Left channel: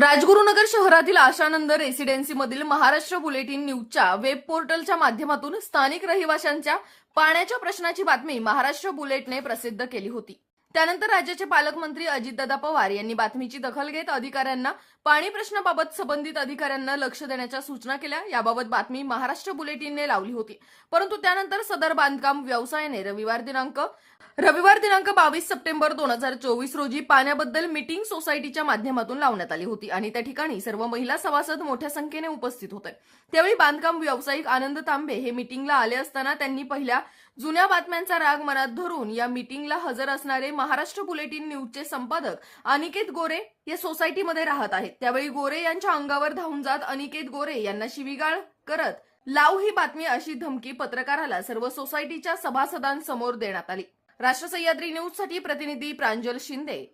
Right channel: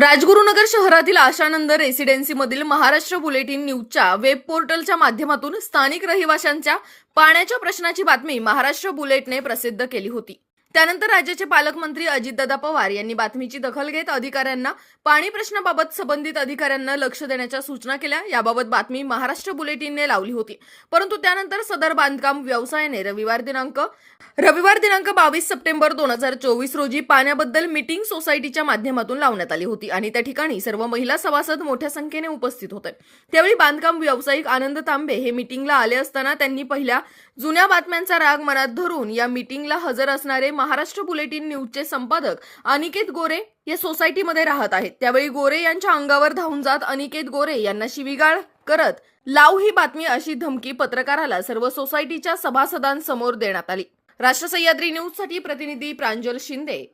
राजगुरुनगर शहरातील आशानंद रेसिडेन्सीमधील महाराष्ट्र बुलेटिन न्यूजच्या वेब पोर्टलच्या माध्यमातून स्थानिक रहिवाशांच्या पाण्याच्या प्रश्नाची बातमी महाराष्ट्र बुलेटने प्रसिद्ध केली होती। त्यानंतर राज्याचे पालकमंत्री अजितदादा पवार यांनी बातमीची दखल घेत अधिकाऱ्यांना पाणी प्रश्नाबाबत संबंधित अधिकाऱ्यांना लक्ष देण्याच्या सूचना केल्या। याबाबत बातमी महाराष्ट्र बुलेटिनने लावली होती, परंतु त्यानंतर सदर बांधकाम व्यवसायाने रविवार दिनांक 22 सप्टेंबर 2024 रोजी पाण्याबद्दल मीटिंग सोसायटीच्या माध्यमातून लावण्यात आली होती आणि त्या ठिकाणी सर्व महिला सभासद मोठ्या संख्येने उपस्थित होते। त्यावेळी बांधकाम व्यावसायिक आनंद तांबे हे मीटिंगला आले असताना त्यांनी पहिल्या जुन्या बातम्यांचा राग मनात धरून या मीटिंगला हजर असणारे महाराष्ट्र बुलेटिन न्यूजचे संपादक अनिकेत गोरे या सोसायटीमध्ये राहत आहेत। त्यावेळी गोरे यांच्या अंगावर धावून जात अनिकेत गोरे यांना शिवीगाळ करत लाव ही बातमी अशी धमकी पत्रकाराला सर्व सोसायटीच्या सभासदांसमोर देण्यात आली। राष्ट्र सह्याद्री न्यूज साठी प्रतिनिधी प्रांजल शिंदे।